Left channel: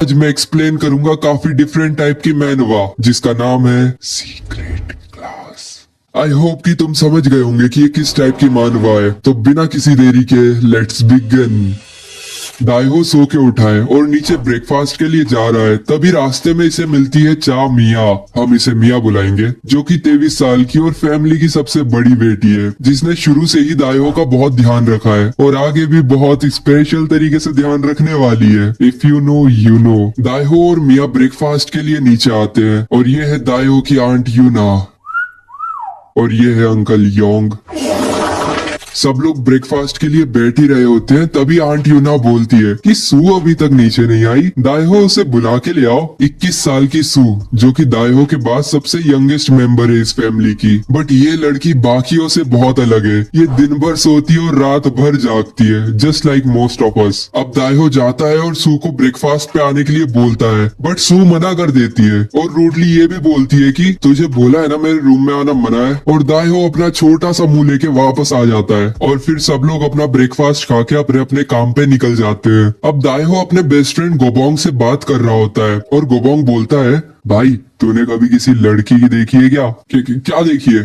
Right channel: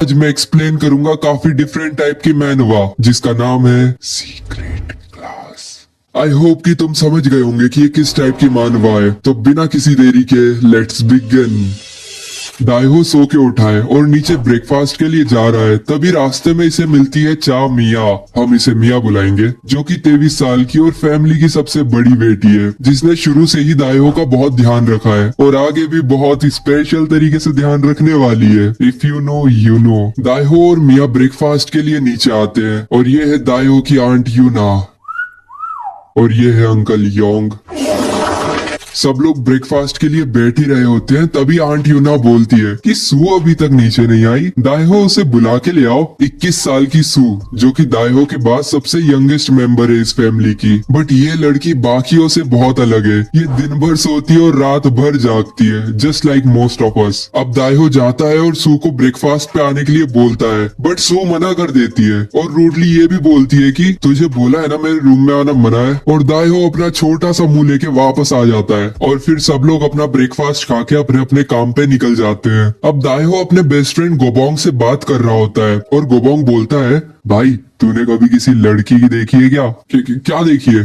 आज मैं एक्सप्लेन करूंगा काफी डिफरेंट टाइप की मैनवा जिसका नाम है सीक्रेट क्लास। आई होप कि तुम समझ गए होंगे कि ये किस टाइप की मानवा है। तो बिना किसी देरी के लेट्स बिगिन। दाइहो सो के उठा है और नीचे ब्रेकफास्ट के लिए जा रहा है, तभी रास्ते में इसे मिलती है चा मिया। हम इसे मिया बुलाएंगे, जो कि 23 साल की और फैमिली की सबसे बड़ी बेटी है, जिसने शुरू से ही दाइहो का बहुत ध्यान रखा है और आगे भी बहुत स्पेशल तरीके से ध्यान रखने वाली है। If you know you know. दाइहो और मिया ब्रेकफास्ट के लिए नीचे आते हैं और ये है दाइहो की आंट यूना और ये है अंकल योंग। सब लोग ब्रेकफास्ट के लिए बैठ ही रहे होते हैं, तभी आंट यूना बोलती है कि सू अभी तक नीचे नहीं आई, दाइहो उसे बुला के ले आओ। 21 साल की सू, जो कि दाइहो के बाद सबसे यंगेस्ट मेंबर है इस फैमिली की। बट ये लड़की बाकियों से बहुत अलग है। ये दिन भर सोती है और रात भर जागती है, just like most of us. अब दाइहो जाता है और सू को ब्रेकफास्ट पे आने के लिए बोलता है, बट सू मना कर देती है और रूडली ये भी बोलती है कि तुझे बोला है ना मेरे रूम में आना मना है। और दाइहो अपना छोटा सा मुंह लेके वापस आ जाता है और फिर सब लोग अपना ब्रेकफास्ट खा के अपने अपने काम पे निकल जाते हैं। अब दाइहो अपने बेस्ट फ्रेंड गोबोंग से बात कर रहा होता है और गोबोंग बोलता है, भाई तूने कभी किसी लड़की की देखी है क्या? क्या देखी है?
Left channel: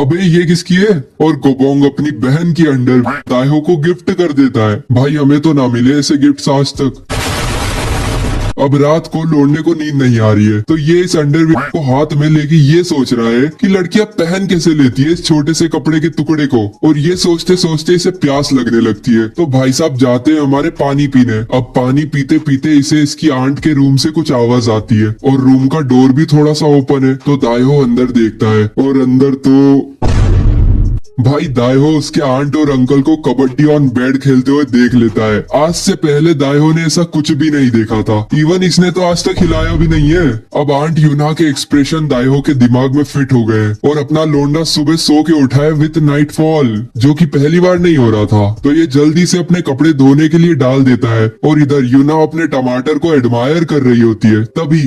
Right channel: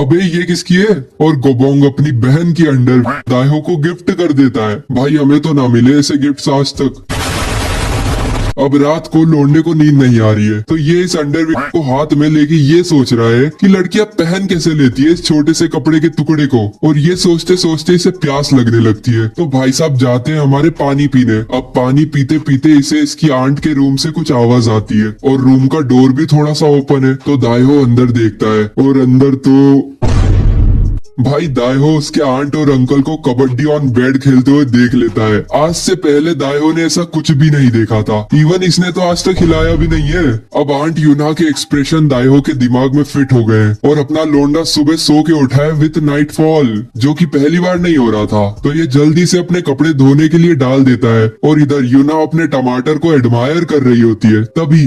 अबे ये किसकी है? और गोबोंग अपनी बहन की अंडर दाइहो को गिफ्ट कर देता है। भाई हमें तो ना मिले ऐसे गिफ्ट्स आज तक। अब रात को लौंडे को नींद नहीं आ रही है, तो ये इस अंडरवियर को हाथ में लेके ये सोच रहा है कि लड़कियां पहन कैसे लेती है इस छोटे से कपड़े के टुकड़े को। और ये सोचते सोचते इसे प्यास लगने लगती है, तो भाई साहब जाते हैं हमारे पानी पीने। अब पानी पीते पीते इसे इसकी आंट के रूम से कुछ आवाज आती है और रूम का डोर भी थोड़ा सा ओपन है, तो दाइहो अंदर देखता है और अंदर तो भाई दाइहो उसके आंट और अंकल को कबड्डी ऑन बेड खेलते हुए देख लेता है। आज से पहले दाइहो ने ऐसा कुछ भी नहीं देखा था, इवन इसने तो आज तक हिलाया भी नहीं है। अब आंट यूना के एक्सप्रेशन दाइहो के दिमाग में फिट हो गए और अपना लोंडा सुबह सो के उठा है विथ नाइटफॉल, जो कि पहली बार नहीं हो रहा था। तो ये जल्दी से अपने कपड़े धोने के लिए डाल देता है और इधर यूना अपने टमाटर को एडमायर कर रही होती है। तभी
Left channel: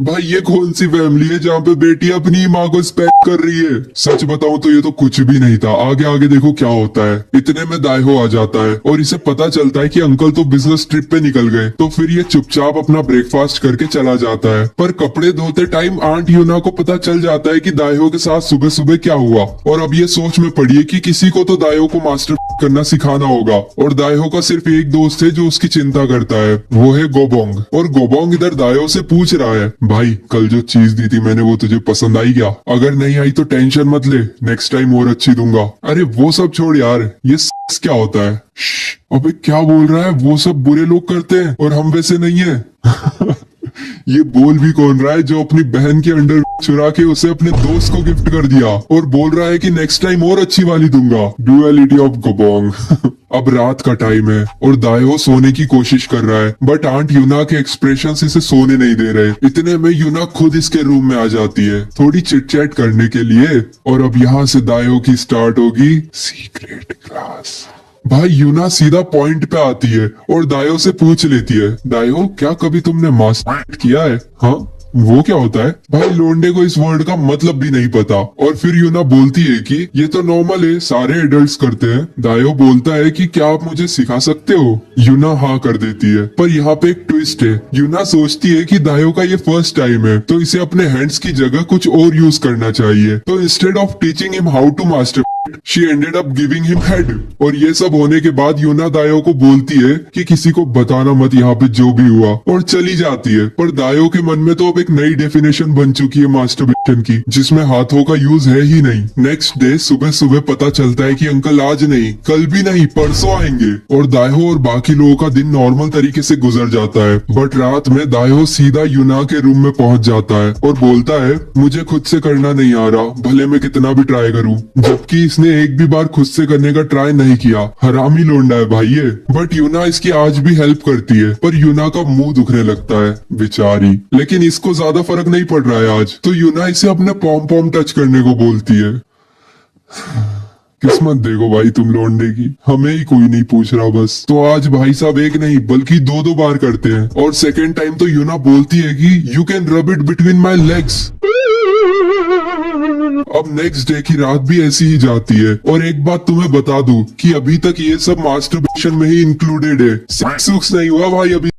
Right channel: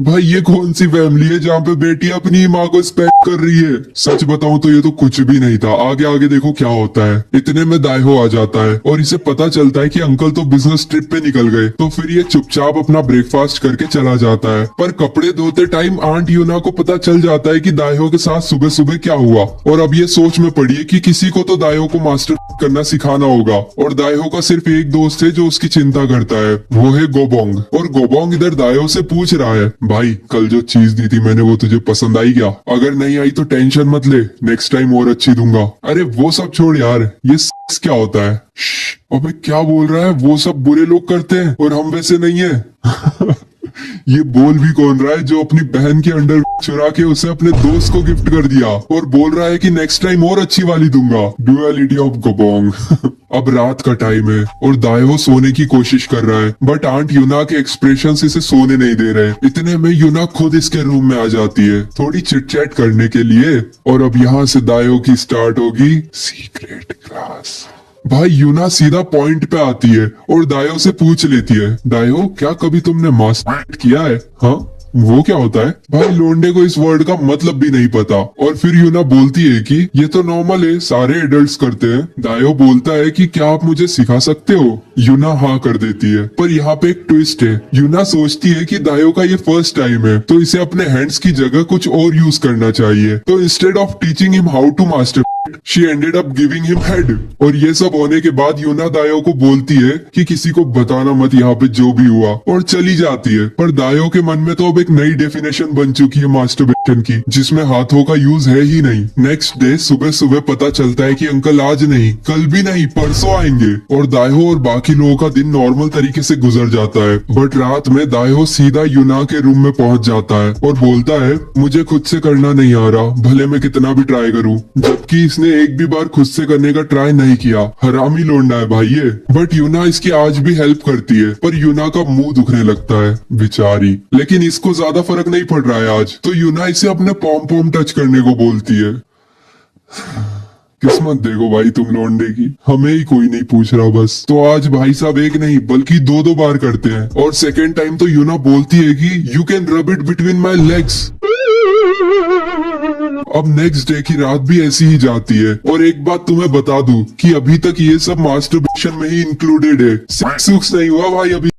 भाई ये कौन सी फैमिली है जहाँ पे बेटी अपनी माँ को स्पैक कर रही है? सच बताऊं तो ये तो कुछ भी नहीं था। आगे आगे देखो क्या होता है। इतने में दाइहो आ जाता है और इसे पता चलता है कि अंकल तो बिजनेस ट्रिप पे निकल गए, तो फिर ये चुपचाप अपना ब्रेकफास्ट करके चला जाता है। पर कपड़े धोते टाइम आंट यूना को पता चल जाता है कि दाइहो के साथ सुबह सुबह क्या हुआ, और अब ये सोच में पड़ी है कि किसी को तो दाइहो को मास्टर करना सिखाना होगा। और दाइहो का सिर्फ एक दोस्त है जो उसकी चिंता करता है, वो है गोबोंग। और गोबोंग इधर दाइहो से पूछ रहा है, भाई कल जो चीज दी थी मैंने वो तुझे पसंद आई क्या? अगर नहीं आई तो टेंशन मत ले, नेक्स्ट टाइम और अच्छी दूंगा। अरे वो सब छोड़ यार, ये क्या होता है? अबे क्या बोल रहा है? वो सब बुरे लोग करते हैं और हम वैसे नहीं है। ये बोल भी कौन रहा है जो अपनी बहन की अंडर चुरा के उसे अपने दोस्त को गिफ्ट कर दिया और बोल रहा है कि नेक्स्ट टाइम और अच्छी वाली दूंगा। डुअलिटी ऑफ गोबोंग। अब रात का टाइम है और दाइहो सोने की कोशिश कर रहा है, बट आंट यूना के एक्सप्रेशंस इसे सोने नहीं दे रहे। इतने में यूना खुद इसके रूम में आ जाती है थोड़ी चिट चैट करने के लिए, और अब यहाँ से दाइहो की स्टार्ट होगी सीक्रेट क्लास। भाई यूना सीधा पॉइंट पे आती है और दाइहो से पूछ लेती है, दाइहो क्या कभी तुमने मास्टर किया है? हाँ वो क्या होता है? भाई लोंडे को इस वर्ड का मतलब भी नहीं पता। और फिर यूना बोलती है कि ये तो नॉर्मल है, सारे एडल्ट्स करते हैं। दाइहो बोलता है कि क्या आप मुझे सिखा सकते हो? यूना हाँ कर देती है, पर यहाँ पे एक ट्विस्ट है। यूना सोचती है कि दाइहो का ये फर्स्ट टाइम है, तो इसे अपने हैंड्स की जगह कुछ और यूज करना चाहिए। तो instead of teaching him how to master she ended up giving him head. और ये सब होने के बाद यूना दाइहो को बोलती है कि किसी को बताना मत यहाँ पे जो भी हुआ, और चली जाती है। पर दाइहो के मन में तो अब एक नई डेफिनेशन बन चुकी है मास्टरबेशन की, जिसमें हाथों का यूज है ही नहीं। नेक्स्ट डे सुबह सुबह पता चलता है कि अंकल आज नहीं, कल भी नहीं, परसों आएंगे। और दाइहो और बाकी लोगों का दिन नॉर्मल तरीके से गुजर जाता है। बट रात में दाइहो सीधा यूना के रूम में पहुंच जाता है और बोलता है, मुझे खुद से करना नहीं आ रहा, भले मैं कितना भी ट्राई करूँ। जबकि इसने एक भी बार खुद से करने का ट्राई नहीं किया। हरामी लोंडा है भाई ये। बट यूना इसकी आज भी हेल्प करती है, पर यूना का मुंह दुखने लगता है बेचारी। लेकिन इसको ज्यादा फर्क नहीं पड़ रहा है आज, तो यूना इसे अपने पॉम पॉम टच करने को बोलती है। किस्मत देखो भाई तुम लोंडे की, हमें ही कोई नहीं पूछ रहा बस। तो आज भाई साहब एक नहीं बल्कि दो दो बार करते हैं। और सेकेंड टाइम तो यूना बोलती है कि you can rub it between my legs. अब नेक्स्ट डे की रात भी ऐसी ही जाती है। और एक बात तुम्हें बता दूं कि अभी तक ये सब मास्टरबेशन में ही इंक्लूडेड है, सेक्स नहीं हुआ भाई अभी